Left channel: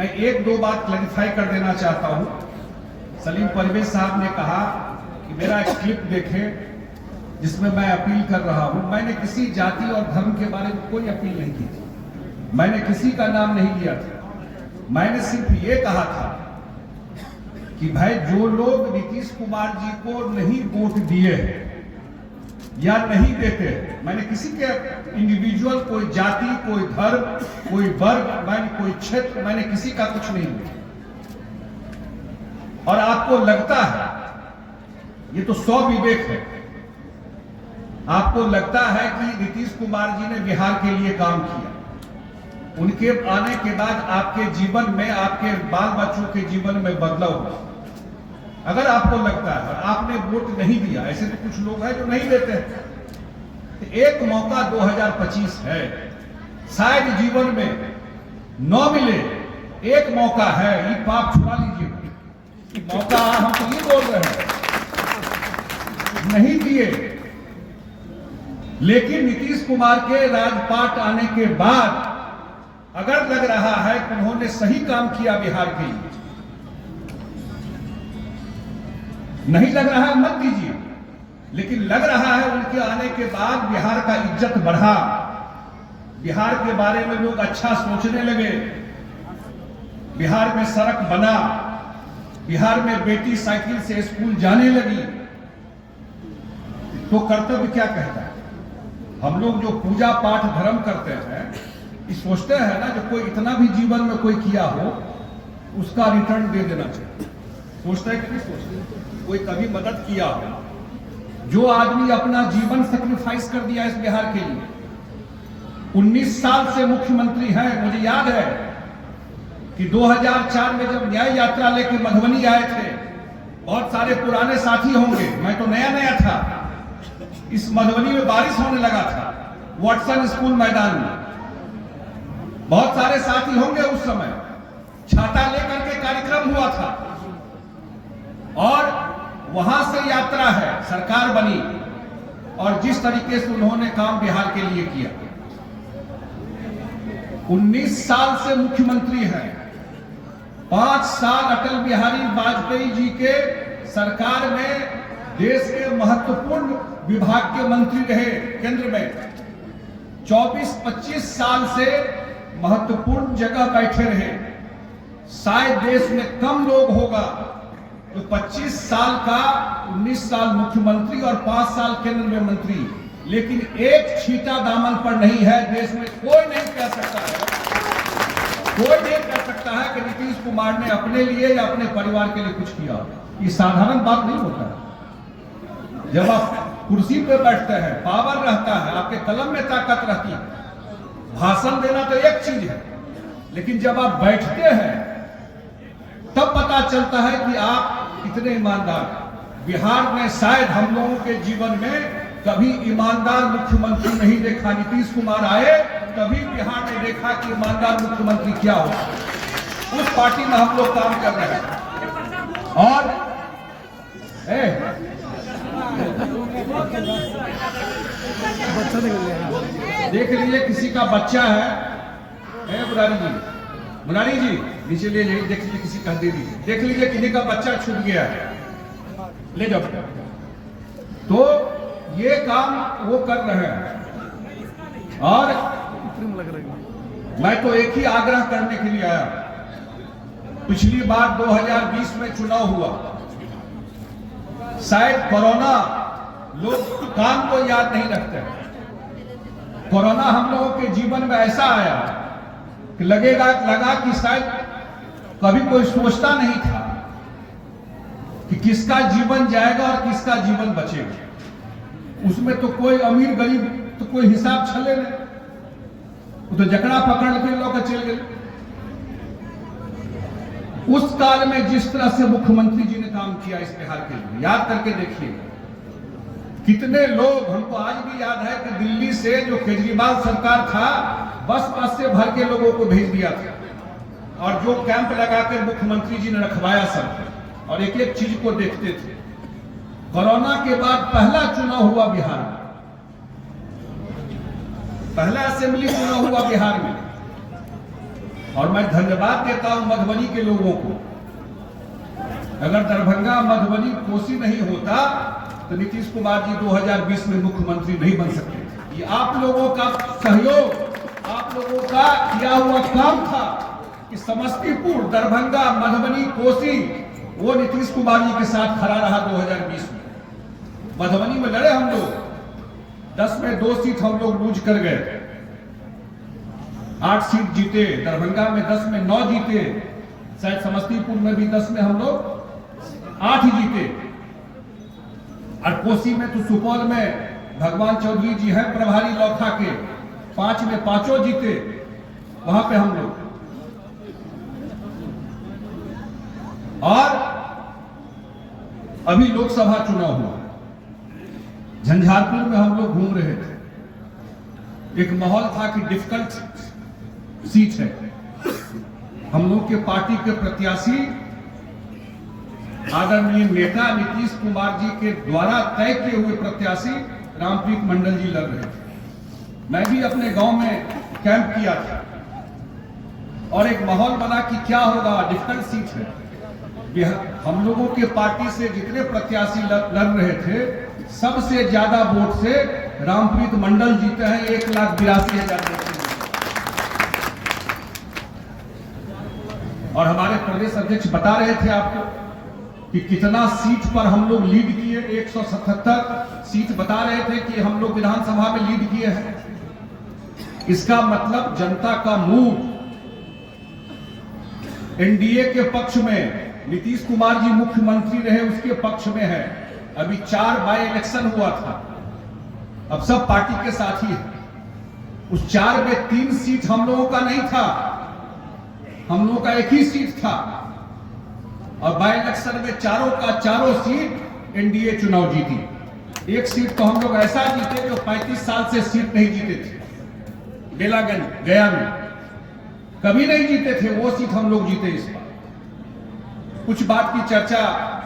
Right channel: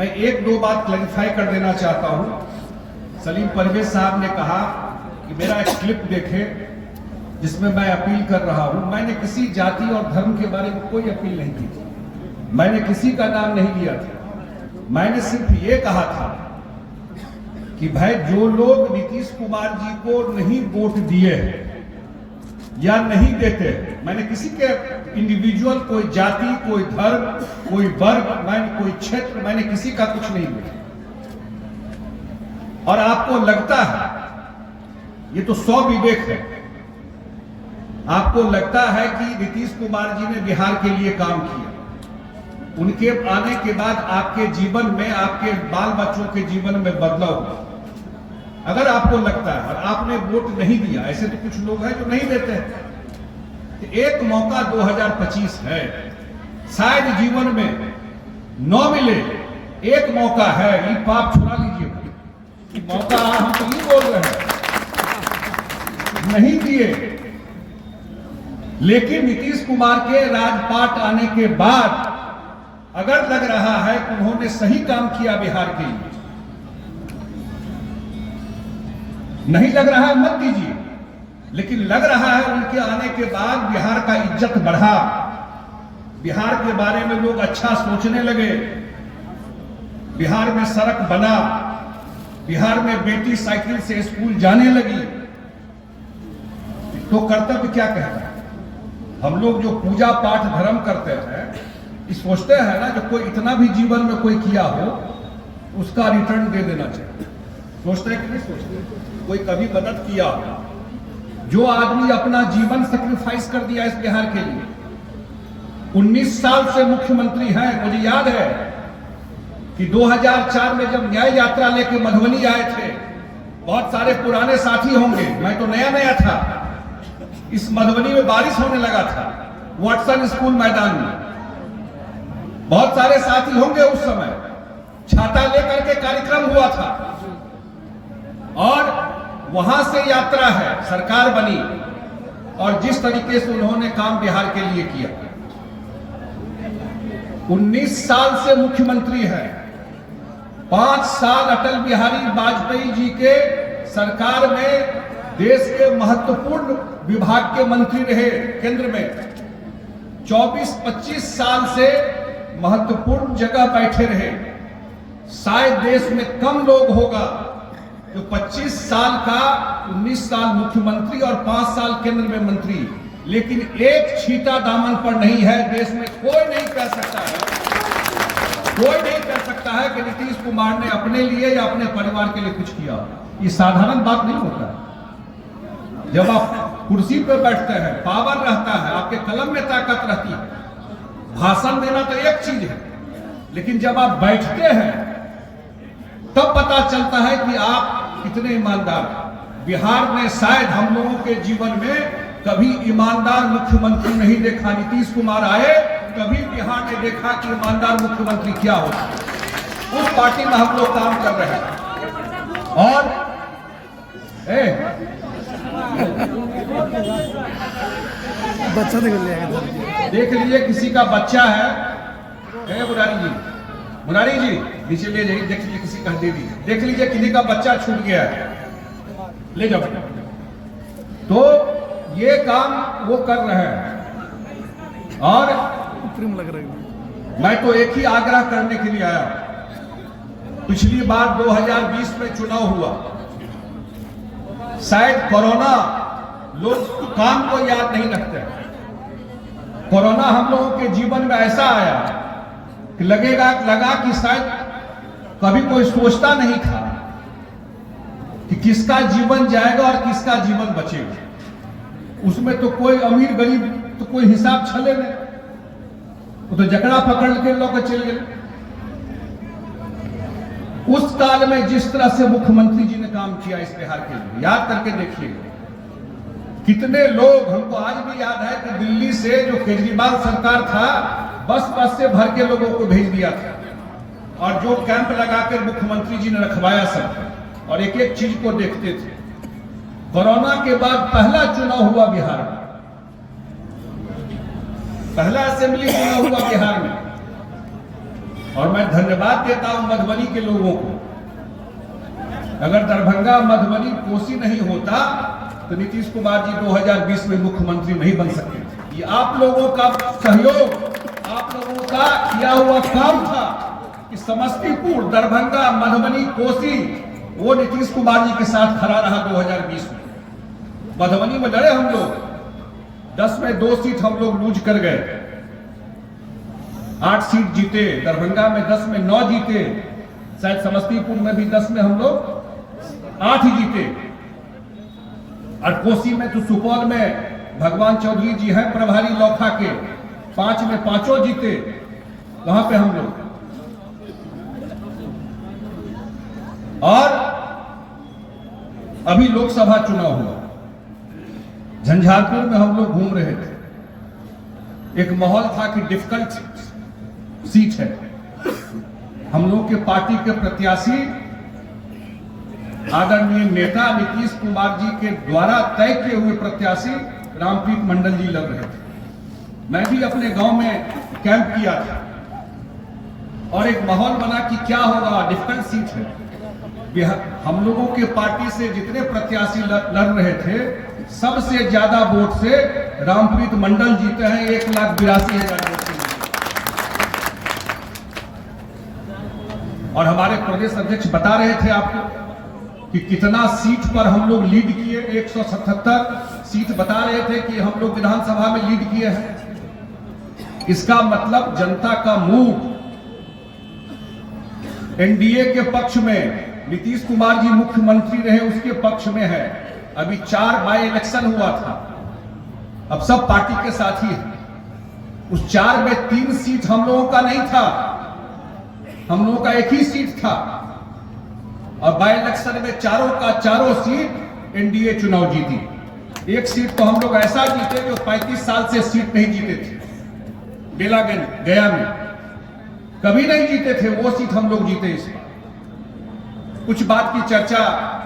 मैं एक दो बात क्लैरिफाई कर देना चाहता हूं। सलीम परवेज साहब ने कहा कि मेरा एक क्लिप देखें जिसमें मैं अपील कर रहा हूं। मैंने किसी जाति और धर्म के बारे में कोई अपील नहीं की थी, मैंने किसी का नाम नहीं लिया था। मैंने सिर्फ ये कहा था कि भाई जो लोग नीतीश कुमार जी को नहीं वोट दिए या नहीं देते, मैंने किसी के इंडिविजुअल, कोई जाति, कोई धर्म, कोई वर्ग, मैंने कोई क्षेत्र, मैंने किसी का कुछ नहीं दिया। और आपको लगता है, ये तो सौ विवेक है, आपको लगता है कि नीतीश कुमार जी ने बिहार के लिए काम किया, उनके आने के बाद आपके जीवन में, आपके बाल बच्चों के जीवन में बदलाव हुआ। अगर आपको लगता है और आपने वोट नहीं दिया, ऐसे तो कुछ लोग हैं जो नहीं देते हैं, तो एक मौका 2025 है, शायद जीवन में न मिले, एक मौका है, ये पाप छुड़ा लीजिए। मौका हम तो ये बोल रहे हैं, नहीं दिए, लेकिन नीतीश कुमार के राजपाट आने के बाद अगर लग रहा है कि उन्होंने सही काम किया बिहार के लिए, नहीं लग रहा है मत दीजिए, लेकिन लग रहा है उनके आने के बाद बिहार का इज्जत बढ़ा, बिहार के बारे में लोग अच्छा सोचने लगे, बिहार में सड़क बना, बिहार में बेटी साइकिल से स्कूल जाने लगी, तो कर्तव्य क्या कहता है? हम लोग जो पूजा पाठ धर्म करते हैं, सोचते हैं ना कि कोई इतना भी जीवन में कोई किया हो उसका रिटर्न दे देना चाहिए। सोचते हैं कि नहीं सोचते? कोई कभी मदद किया हो, जो आदमी अपना जीवन सेक्रीफाइस कर दिया इस बिहार के लिए, 19 साल से मुख्यमंत्री हैं। मुझे याद है कि 2004 में जब न्याय यात्रा लेके मधुबनी आए थे, बहुत सारे पुराने साथी होंगे, मैं तो नया नया था, इस मधुबनी में बारिश होने लगा था, वाटसन स्कूल मैदान में, बहुत सारे साथी होंगे उस समय, छाता लेकर के कार्यक्रम हुआ था, और वहां से यात्रा है, सरकार बनी, और जिस तरीके से उन्होंने काम बिहार के लिए किया, 19 साल से मुख्यमंत्री है, 5 साल अटल बिहारी वाजपेयी जी के सरकार में देश के महत्वपूर्ण विभाग के मंत्री रहे, केंद्र में 24-25 साल से महत्वपूर्ण जगह बैठे रहे। शायद देश में कम लोग होगा तो 25 साल का, 19 साल मुख्यमंत्री और 5 साल केंद्र में मंत्री, लेकिन एक छींटा दामन पर नहीं है। देश में कोई नहीं कह सकता है, कोई नहीं कह सकता है कि नीतीश कुमार ने अपने लिए या अपने परिवार के लिए कुछ किया। ये साधारण बात नहीं होता है। जब आप कुर्सी पर बैठते हैं, पावर रहता है, आपके कलम में ताकत रहती है, भाषण देना तो एक चीज है, लेकिन जब आप बैठते हैं तब पता चलता है कि आप कितने ईमानदार। बिहार ने शायद हम लोगों के जीवन में कभी ईमानदार मुख्यमंत्री नहीं देखा। नीतीश कुमार आए तभी बिहार ने देखा कि ईमानदार मुख्यमंत्री क्या होता है। उस पार्टी में हम लोग काम कर रहे हैं। और देख लीजिए, किसी का बच्चा है, मुरारी जी नीचे ले जाइए, देख लीजिए, किसी का दे दीजिए, देख लीजिए किसी का बच्चा छूट गया है, ले जाओ। तो ये काम वो कर रहे हैं, और मैं तो एक ही आग्रह करने के लिए आया। पिछली बार 2020 में चुनाव हुआ, शायद कोरोना, लोग काम को याद नहीं रखते, कोरोना हम लोगों के जीवन में ऐसा आया कि लगा कि शायद कभी कोई सोचता नहीं था कि किसका जीवन जाएगा और किसका जीवन बचेगा। उसमें तो कोई अमीर गरीब तो कोई हिसाब छले नहीं, वो तो जकड़ा पकड़ के लोग चल गए। उस काल में जिस तरह से मुख्यमंत्री जी ने काम किया इस बिहार के लिए, याद करके देखिएगा कितने लोग, हमको आज भी याद है कि दिल्ली से जो केजरीवाल सरकार था, बस से भर के लोगों को भेज दिया था, और जो कैंप लगाकर मुख्यमंत्री जी ने रखवाया सब, और एक एक चीज को देखते थे। कोरोना के बाद पहला चुनाव हुआ बिहार में, पहला असेंबली चुनाव हुआ बिहार में, और मैं धन्यवाद देता हूं मधुबनी के लोगों को। अगर दरभंगा, मधुबनी, कोसी नहीं होता तो नीतीश कुमार जी 2020 में मुख्यमंत्री नहीं बन सकते थे। ये आप लोगों का सहयोग, आप लोगों का किया हुआ काम था कि समस्तीपुर, दरभंगा, मधुबनी, कोसी वो नीतीश कुमार जी के साथ खड़ा रहा 2020 में। मधुबनी में लड़े हम लोग, 10 में 2 सीट हम लोग लूज कर गए, 8 सीट जीते। दरभंगा में 10 में 9 जीते, शायद समस्तीपुर में भी 10 में हम लोग 8 ही जीते। और कोसी में तो सुपौल में भगवान चौधरी जी हैं प्रभारी लौखा के, 5 में 5 जीते, वहां पे हम लोग। और अभी लोकसभा चुनाव हुआ, झंझारपुर में हम लोग घूम रहे थे, एक माहौल था कि डिफिकल्ट सीट है। हम लोग के पार्टी के प्रत्याशी आदरणीय नेता नीतीश कुमार जी के द्वारा तय किए हुए प्रत्याशी रामप्रीत मंडल जी लड़ रहे थे। मैं भी अपने गांव में कैंप किया था और एक माहौल बना कि क्या होगा, डिफिकल्ट सीट है। हम लोगों के पार्टी से जितने प्रत्याशी लड़ रहे थे, सबसे ज्यादा वोट से रामप्रीत मंडल जीते हैं, 1,82,000 वोट से। और हमारे प्रदेश अध्यक्ष बता रहे थे आपको कि कितना सीट पर हम लोग लीड किए, 177 सीट बता रहे थे कि हम लोग विधानसभा में लीड किए हैं। इसका मतलब जनता का मूड एनडीए के पक्ष में, नीतीश कुमार जी मुख्यमंत्री रहे उसके पक्ष में है। अभी 4 बाय इलेक्शन हुआ था, अब सब पार्टी के साथ ही है। उस 4 में 3 सीट हम लोगों का नहीं था, हम लोगों का एक ही सीट था। और बाय इलेक्शन में चारों का चारों सीट एनडीए चुनाव जीती। एक सीट तो हम लोग ऐसा जीते जो 35 साल से सीट नहीं जीते थे, बेलागंज गया में कभी नहीं जीते थे, वो सीट हम लोग जीते। इस बार कुछ बात की चर्चा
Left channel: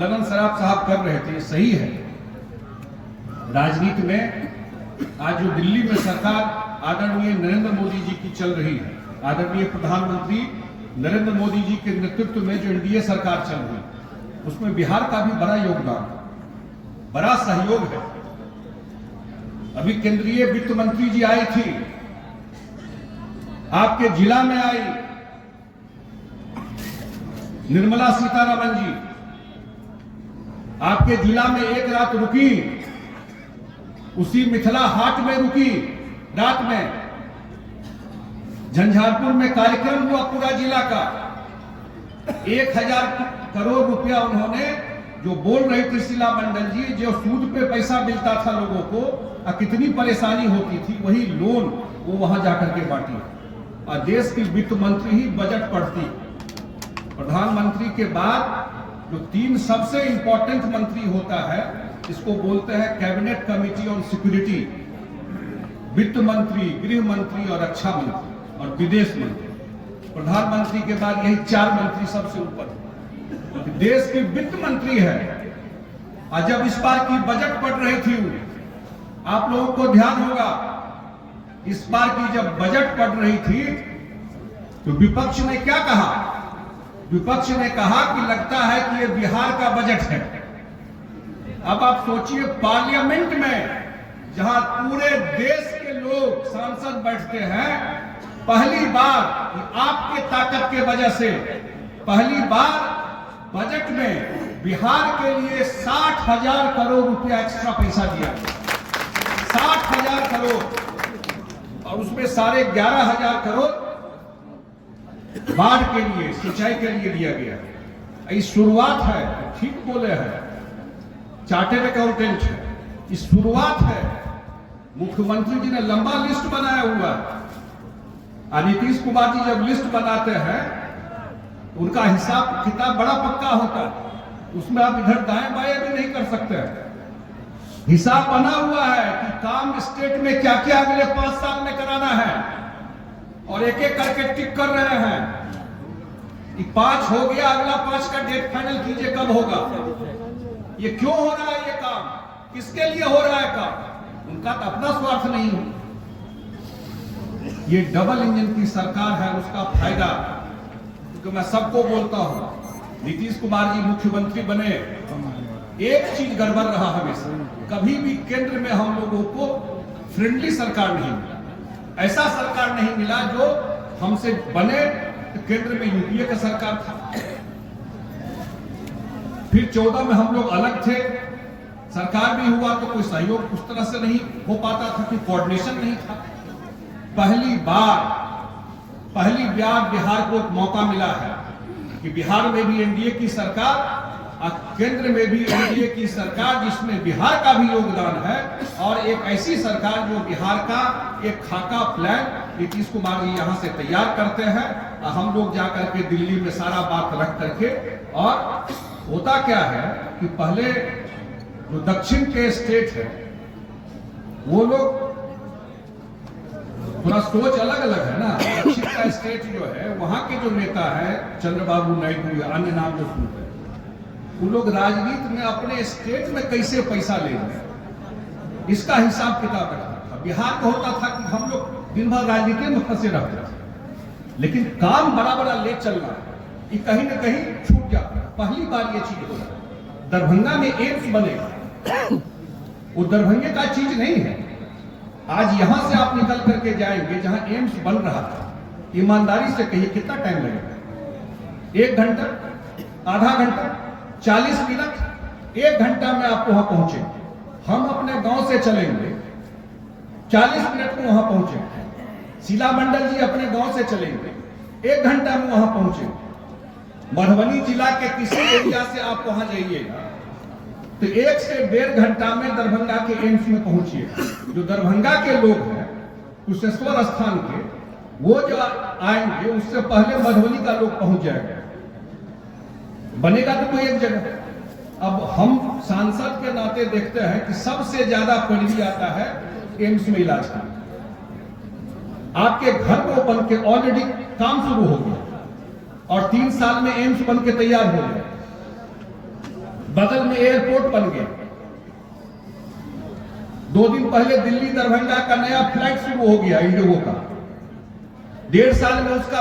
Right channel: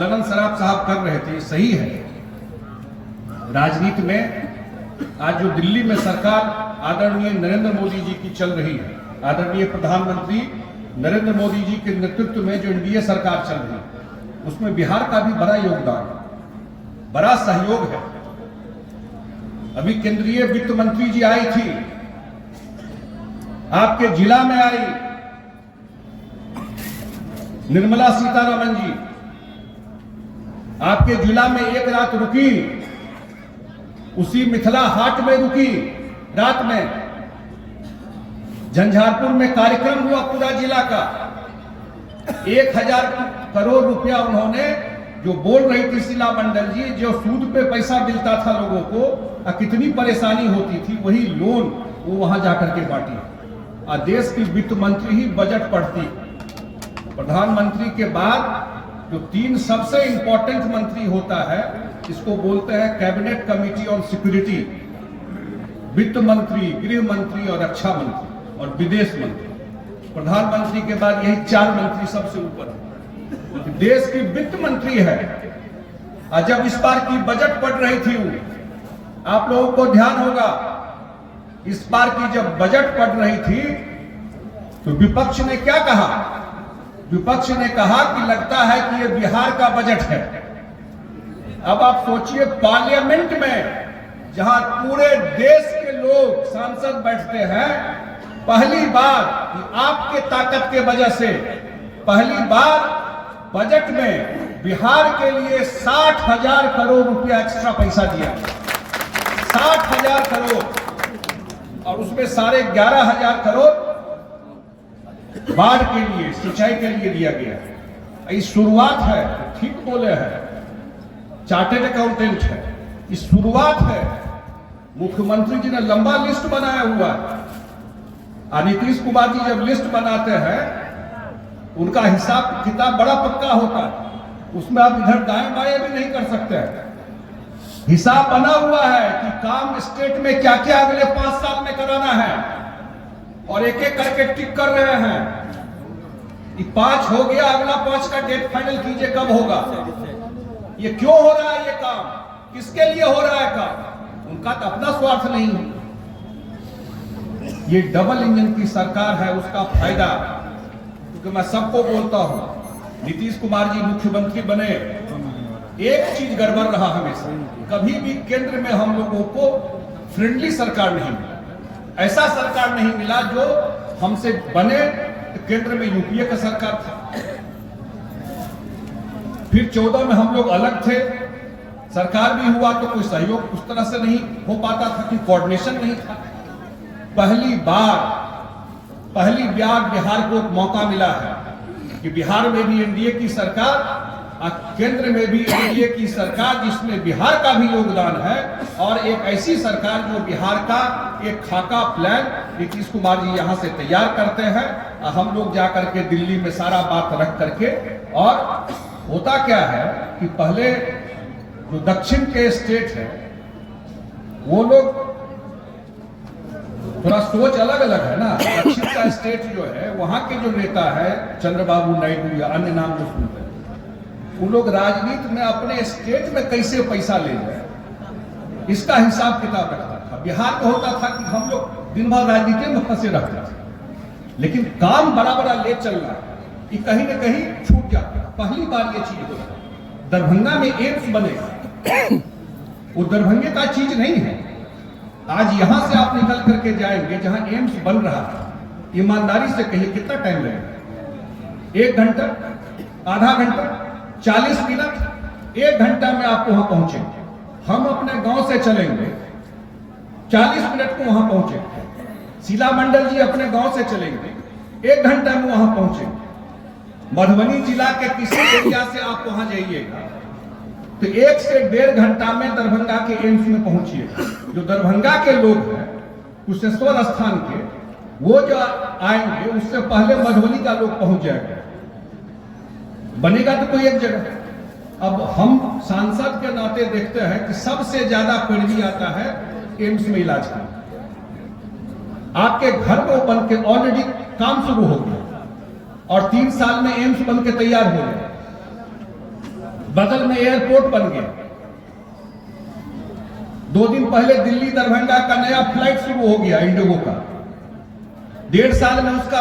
ललन सराफ साहब कर रहे थे, सही है। राजनीति में आज जो दिल्ली में सरकार आदरणीय नरेंद्र मोदी जी की चल रही है, आदरणीय प्रधानमंत्री नरेंद्र मोदी जी के नेतृत्व में जो एनडीए सरकार चल रही है, उसमें बिहार का भी बड़ा योगदान, बड़ा सहयोग है। अभी केंद्रीय वित्त मंत्री जी आई थी, आपके जिला में आई निर्मला सीतारमण जी, आपके जिला में एक रात रुकी, उसी मिथिला हाट में रुकी रात में। झंझारपुर में कार्यक्रम हुआ पूरा जिला का, 1000 करोड़ रुपया उन्होंने, जो बोल रही थी शीला मंडल जी, जो सूद पे पैसा मिलता था लोगों को और कितनी परेशानी होती थी, वही लोन वो वहां जाकर के बांटी। और देश की वित्त मंत्री ही बजट पढ़ती, प्रधानमंत्री के बाद जो 3 सबसे इंपॉर्टेंट मंत्री होता है, इसको बोलते हैं कैबिनेट कमिटी ऑन सिक्योरिटी, वित्त मंत्री, गृह मंत्री और रक्षा मंत्री और विदेश मंत्री। प्रधानमंत्री के बाद यही 4 मंत्री सबसे ऊपर है, देश की वित्त मंत्री है। और जब इस बार की बजट पढ़ रही थी, आप लोगों को ध्यान होगा, इस बार की जब बजट पढ़ रही थी तो विपक्ष ने क्या कहा? विपक्ष ने कहा कि लगता है कि ये बिहार का बजट है। अब आप सोचिए, पार्लियामेंट में जहां पूरे देश के लोग सांसद बैठते हैं, पहली बार आपके ताकत के वजह से पहली बार बजट में बिहार के लिए 60,000 करोड़ रुपया एक्स्ट्रा पैसा दिया, 60,000 करोड़, और उसमें 11,500 करोड़ बाढ़ के लिए, सिंचाई के लिए दिया गया। इस शुरुआत है, ठीक बोले हैं, चार्टेड अकाउंटेंट है, इस शुरुआत है। मुख्यमंत्री जी ने लंबा लिस्ट बनाया हुआ, और नीतीश कुमार जी जब लिस्ट बनाते हैं, उनका हिसाब किताब बड़ा पक्का होता है, उसमें आप इधर दाएं बाएं भी नहीं कर सकते हैं। हिसाब बना हुआ है कि काम स्टेट में क्या क्या अगले 5 साल में कराना है, और एक एक करके टिक कर रहे हैं। 5 हो गया, अगला 5 का डेट फाइनल कीजिए कब होगा। ये क्यों हो रहा है, ये काम किसके लिए हो रहा है काम? उनका तो अपना स्वार्थ नहीं है। ये डबल इंजन की सरकार है, उसका फायदा, क्योंकि मैं सबको बोलता हूं, नीतीश कुमार जी मुख्यमंत्री बने, एक चीज गड़बड़ रहा हमेशा, कभी भी केंद्र में हम लोगों को फ्रेंडली सरकार नहीं मिला, ऐसा सरकार नहीं मिला जो हमसे बने। तो केंद्र में यूपीए का सरकार था, फिर 14 में हम लोग अलग थे, सरकार भी हुआ तो कोई सहयोग उस तरह से नहीं हो पाता था, कि कोऑर्डिनेशन नहीं था। पहली बार बिहार को मौका मिला है कि बिहार में भी एनडीए की सरकार और केंद्र में भी एनडीए की सरकार, जिसमें बिहार का भी योगदान है, और एक ऐसी सरकार जो बिहार का एक खाका प्लान नीतीश कुमार जी यहां से तैयार करते हैं, हम लोग जाकर के दिल्ली में सारा बात रख करके। और होता क्या है कि पहले जो दक्षिण के स्टेट है वो लोग थोड़ा सोच अलग अलग है ना। दक्षिण का स्टेट जो है, वहां के जो नेता है चंद्रबाबू नायडू या अन्य नाम जो सुनते हैं, उन लोग राजनीति में अपने स्टेट में कैसे पैसा ले रहे हैं, इसका हिसाब किताब रखता था। बिहार में होता था कि हम लोग दिन भर राजनीति में फंसे रहते थे, लेकिन काम बड़ा बड़ा ले चलना है, ये कहीं ना कहीं छूट जाता है। पहली बार ये चीज होगा, दरभंगा में एम्स बनेगा, वो दरभंगे का चीज नहीं है। आज यहां से आप निकल करके जाएंगे जहां एम्स बन रहा है, ईमानदारी से कहिए कितना टाइम लगेगा? 1 घंटा, आधा घंटा, 40 मिनट, 1 घंटा में आप वहां पहुंचे। हम अपने गांव से चलेंगे, 40 मिनट में वहां पहुंचे। शीला मंडल जी अपने गांव से चलेंगे, 1 घंटा में वहां पहुंचे। मधुबनी जिला के किसी एरिया से आप वहां जाइएगा तो 1 से 1.5 घंटा में दरभंगा के एम्स में पहुंचिए। जो दरभंगा के लोग हैं कुशेश्वर स्थान के, वो जो आएंगे उससे पहले मधुबनी का लोग पहुंच जाएगा। बनेगा तो कोई एक जगह। अब हम सांसद के नाते देखते हैं कि सबसे ज्यादा पैरवी आता है एम्स में इलाज का। आपके घर को बन के ऑलरेडी काम शुरू हो गया और 3 साल में एम्स बन के तैयार हो गया। बगल में एयरपोर्ट बन गया। 2 दिन पहले दिल्ली दरभंगा का नया फ्लाइट शुरू हो गया इंडिगो का। 1.5 साल में उसका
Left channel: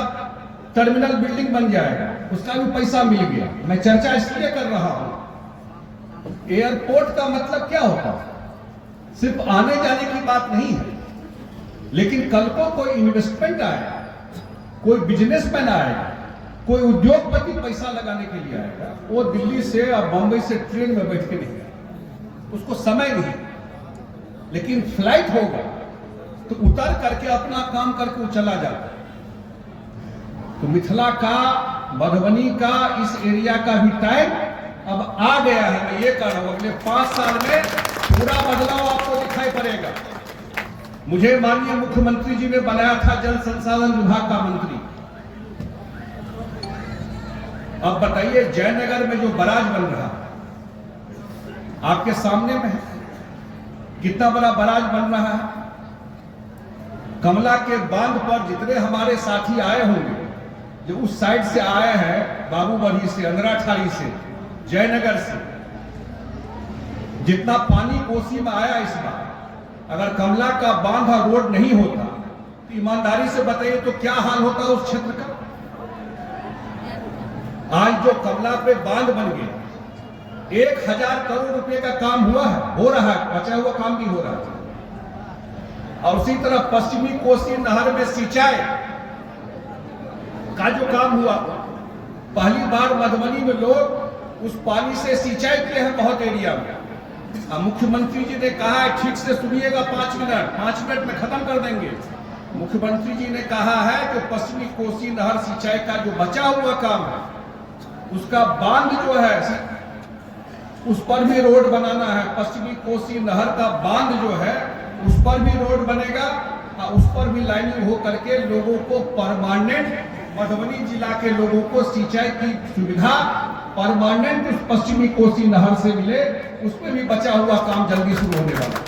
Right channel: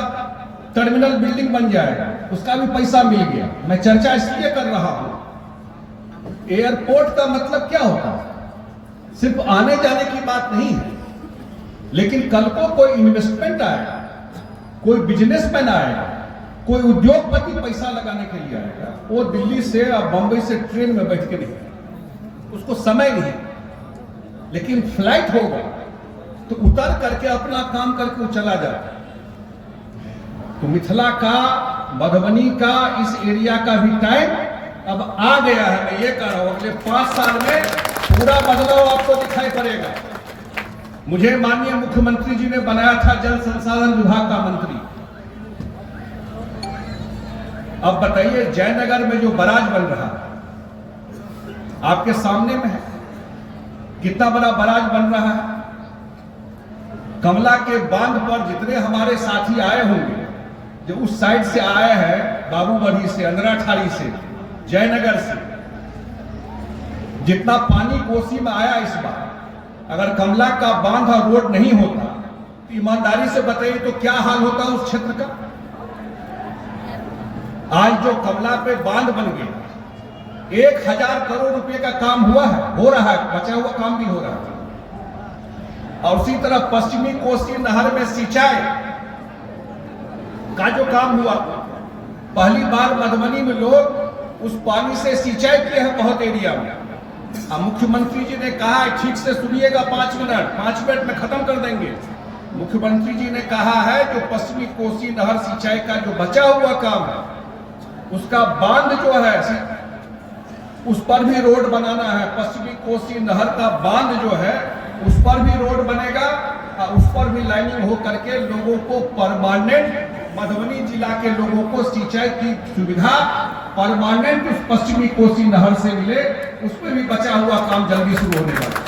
टर्मिनल बिल्डिंग बन जाएगा, उसका भी पैसा मिल गया। मैं चर्चा इसलिए कर रहा हूं, एयरपोर्ट का मतलब क्या होता है? सिर्फ आने जाने की बात नहीं है, लेकिन कल को कोई इन्वेस्टमेंट आएगा, कोई बिजनेसमैन आएगा, कोई उद्योगपति पैसा लगाने के लिए आएगा, वो दिल्ली से और बंबई से ट्रेन में बैठ के नहीं आएगा, उसको समय नहीं। लेकिन फ्लाइट होगा तो उतर करके अपना काम करके वो चला जाता है। तो मिथिला का, मधुबनी का, इस एरिया का भी टाइम अब आ गया है। मैं ये कह रहा हूं, अगले 5 साल में पूरा बदलाव आपको दिखाई पड़ेगा। मुझे माननीय मुख्यमंत्री जी ने बनाया था जल संसाधन विभाग का मंत्री। अब बताइए, जयनगर में जो बराज बन रहा आपके सामने में है, कितना बड़ा बराज बन रहा है। कमला के बांध पर जितने हमारे साथी आए होंगे, जो उस साइड से आए हैं, बाबूबढ़ी से, अंदराठारी से, जयनगर से, जितना पानी कोसी में आया इस बार, अगर कमला का बांध और रोड नहीं होता तो ईमानदारी से बताइए तो क्या हाल होता उस क्षेत्र का। आज जो कमला पे बांध बन गया, 1000 करोड़ रुपए का काम हुआ है, हो रहा है, बचा हुआ काम भी हो रहा है। और उसी तरह पश्चिमी कोसी नहर में सिंचाई का जो काम हुआ, पहली बार मधुबनी में लोग उस पानी से सिंचाई किए हैं बहुत एरिया में। मुख्यमंत्री जी ने कहा है, ठीक से सुनिएगा, 5 मिनट में खत्म कर देंगे। मुख्यमंत्री जी ने कहा है जो पश्चिमी कोसी नहर सिंचाई का जो बचा हुआ काम है, उसका बांध जो है उस पर भी रोड बनाना है। पश्चिमी कोसी नहर का बांध जो है उस पर भी रोड बनेगा और उस पर भी लाइनिंग हो करके लोगों को परमानेंट, मधुबनी जिला के लोगों को सिंचाई की सुविधा परमानेंट उस पश्चिमी कोसी नहर से मिले। उस पर भी बचा हुआ काम जल्दी शुरू होने वाला है।